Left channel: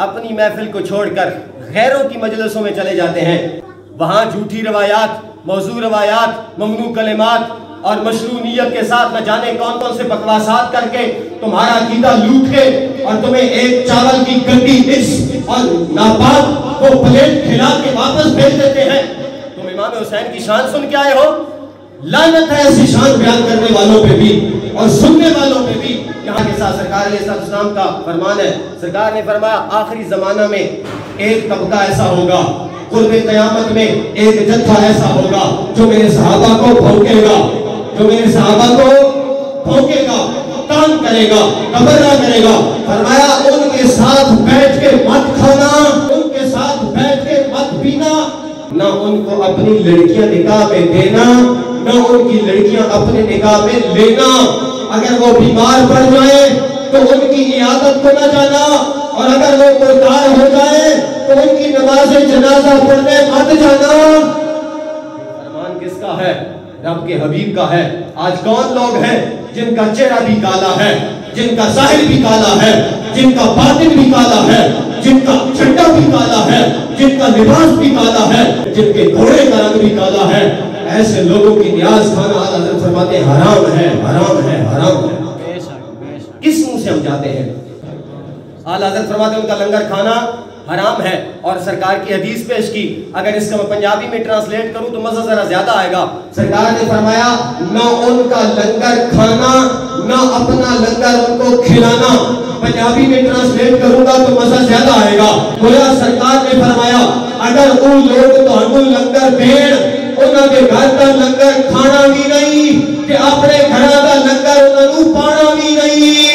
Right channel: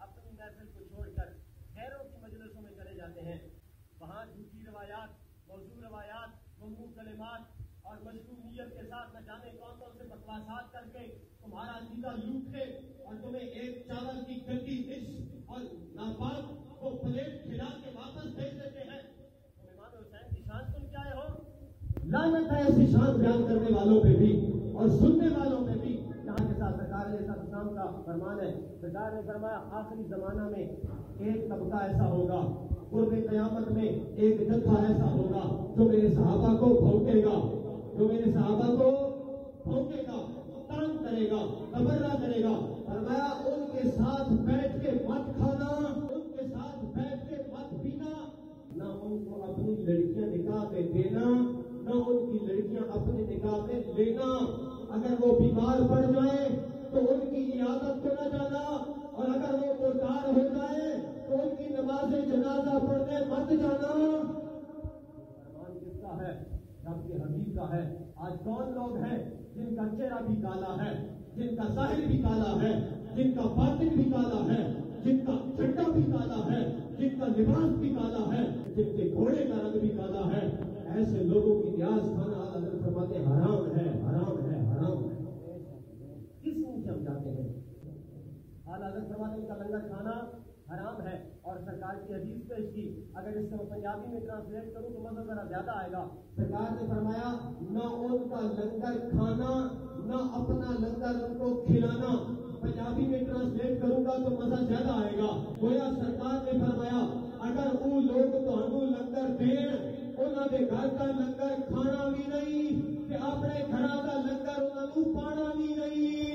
اپنی محفل کو چھوڑ کر غیروں کی مجلسوں میں چلے جاتے ہیں، وہاں جھوٹی روایات، موضوع روایات، ممنوع کلمات اور مشروعیت کے ساتھ نہ جانے کون کون سے بکواسات کر کے تمہارا عقیدہ لوٹ کے اور تمہیں ایک چاول کی گندی ڈش اور ناپاک وہ پلیٹ کھلا کے واپس بھیج دیتے ہیں۔ تم امام حسین کی شان سن کے آئے ہو؟ لعنت ہے ایسی شان بیان کرنے والوں پہ بھی اور سننے والوں پہ بھی۔ یہاں کے ساتھ سرکار علیہ السلام کا فرمان ہے، سرکار نے فرمایا آخری زمانہ میں ایک طبقہ ایسا ہوگا، قرب قیامت میں ایک جتھا ایسا ہوگا جو میرے صحابہ کو بھونکے گا، جو میرے صحابہ کو بھونکے گا، تان کرے گا، تبرہ کرے گا۔ فرمایا ان کے ساتھ بیٹھ کے مت کھانا، ان کے ساتھ بیٹھ کے مت پینا، نہ ان کو اپنی لڑکیاں نکاح میں دینا، نہ ان کی لڑکیاں اپنے نکاح میں لینا۔ اگر وہ بیمار پڑ جائیں تو ان کی عیادت کو نہ جانا، اور اگر وہ مردار ہو جائیں تو ان کی نماز جنازہ پڑھنے مت جانا۔ فرمان کس کا ہے؟ رب کے حبیب کا ہے۔ آج کون لوگ ہیں جن کا چہرہ بھی کالا ہے، جن کا ظاہر بھی کالا ہے، جن کا باطن بھی کالا ہے، جن کا جھنڈا بھی کالا ہے، جن کا لباس بھی کالا ہے، جن کے گھوڑے کا رنگ بھی کالا ہے۔ ایسے لوگوں کی نیاز کھانا اعلیٰ حضرت فرماتے ہیں حرام ہے، حرام ہے، حرام ہے۔ کس منہ سے ہم جاتے ہیں؟ اعلیٰ حضرت فرماتے ہیں ان کا لنگر کھانا حرام ہے، اور سرکار کی حدیث پیش کی، اگر اس کا میں پنجابی میں ٹرانسلیٹ کروں تو مزہ ذرا زیادہ آئے گا۔ سرکار نے فرمایا نہ ان کا لنگر کھانا، نہ اپنا لنگر ان کو کھلانا۔ پنجابی میں ٹرانسلیٹ کروں گا تو مزہ زیادہ آئے گا۔ گویا سرکار نے فرمایا اگر ان لوگ تو لنگر دین، انہوں نے گھر کا لنگر کھانا بھی نہیں کہ اپنے گھر کا لنگر انہوں نے پانا بھی نہیں۔